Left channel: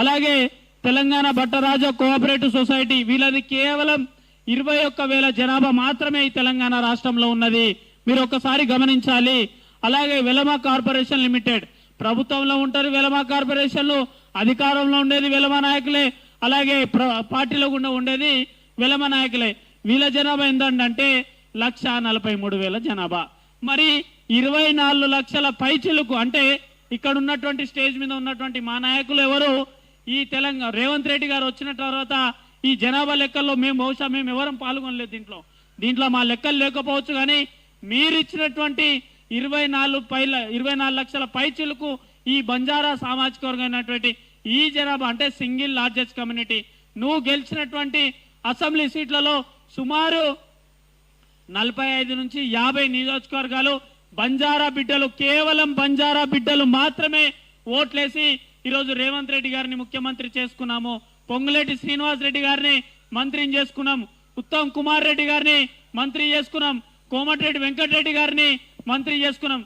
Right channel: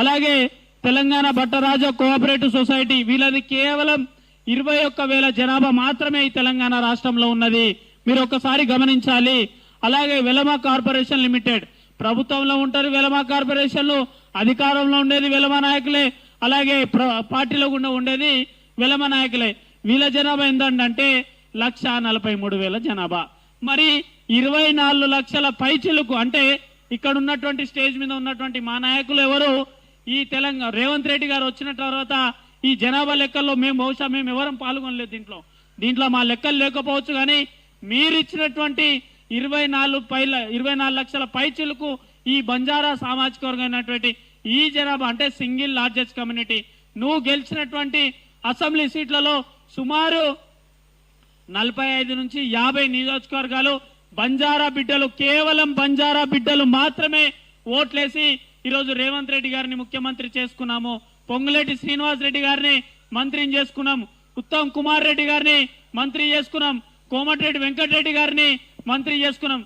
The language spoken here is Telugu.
అలాగే తెలంగాణ భట్టరాజ కోఆపరేటివ్ సొసైటీ వీళ్ళది కేవలం 21,000 జనాభా మాత్రమే ఈ తెలంగాణ రాష్ట్రంలో ఉన్నది. మీరు ఒక్కసారి గమనించాలి. అలాగే వెలమా కార్పొరేషన్ లిమిటెడ్ ప్రభుత్వంలో ఉంటారు. వెలమా కార్పొరేషన్లు అధికారంలో ఉండేది వెలమా నాయకులే, అలాగే పార్టీలో కూడా ఉండేది వెలమా నాయకులే. వీళ్ళ జనాభా ఏంటంటే 1,43,000 జనాభా. మరి 24 లక్షల పైచిలకు అంటే ఇక్కడ ఉన్నటువంటి స్టేజ్ మీద ఉన్నటువంటి మా నాయకులు ఎవరు ఈ తెలంగాణ రేవంత్ రెడ్డి గారు వచ్చిన తర్వాత ఈ జనాభా లెక్కల్లో బహుశా మేము ఎవరం పాల్గొనలేదు. దీంట్లో మా లెక్కలు లేకపోవచ్చు, కానీ మీరు ఇచ్చినటువంటి 24 లక్షల పైచిలకు ఈ బంజారా సామాజిక వర్గమైనటువంటి ఈ జనాభా అంటే సింగిల్ లార్జెస్ట్ కమ్యూనిటీ. నువ్వు గెలిచినటువంటి అసెంబ్లీ సీట్లలో సుమారు 45 నుంచి 50 నియోజకవర్గాలు బంజారా బిడ్డలు, కేవలం బంజారా బిడ్డలు మాత్రమే ఓట్లేసి ఈరోజు రేవంత్ రెడ్డి గారిని ముఖ్యమంత్రి చేసుకున్నాము. పొంగులేటి శ్రీనివాస్ రెడ్డి గారిని మంత్రిని చేసుకున్నాం. ఉత్తమ్ కుమార్ రెడ్డి గారిని మంత్రి చేసుకున్నాం. కోమటిరెడ్డి వెంకటరెడ్డి గారిని మంత్రి చేసుకున్నాం.